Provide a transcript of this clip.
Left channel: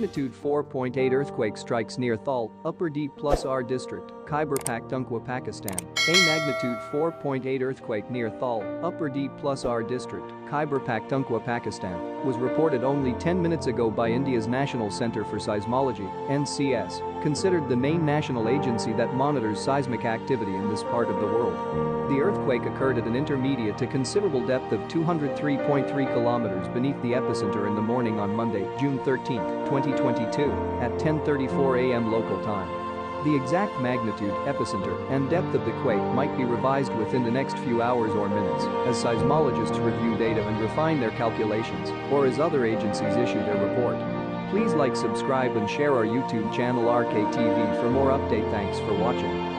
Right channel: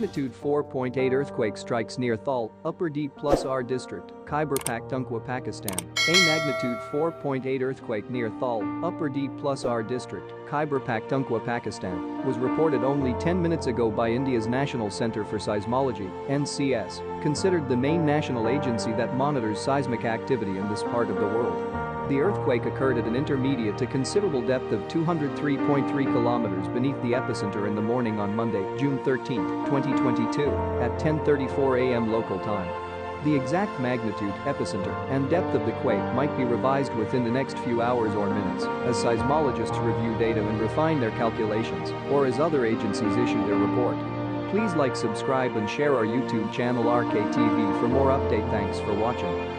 Magnitude 4.8 earthquake strikes near Thal, Upper Dīr District, Khyber Pakhtunkhwa, Pakistan. A magnitude 4.8 earthquake near Thal, Upper Dīr District, Khyber Pakhtunkhwa, Pakistan, was reported only 10 minutes ago by India's National Centre for Seismology (NCS), considered the main national agency that monitors seismic activity in this part of the world. The earthquake occurred at an intermediate to considerable depth of 203.3 kilometers beneath the epicenter in the morning on Monday, June 13, 2022, at 10:34 a.m. local time. The exact magnitude, epicenter, and depth of the quake might be revised within the next few hours or minutes as seismologists review data and refine their calculations, or as other agencies issue their report. Please like, subscribe and share our YouTube channel RKTV for more update. Thanks for watching.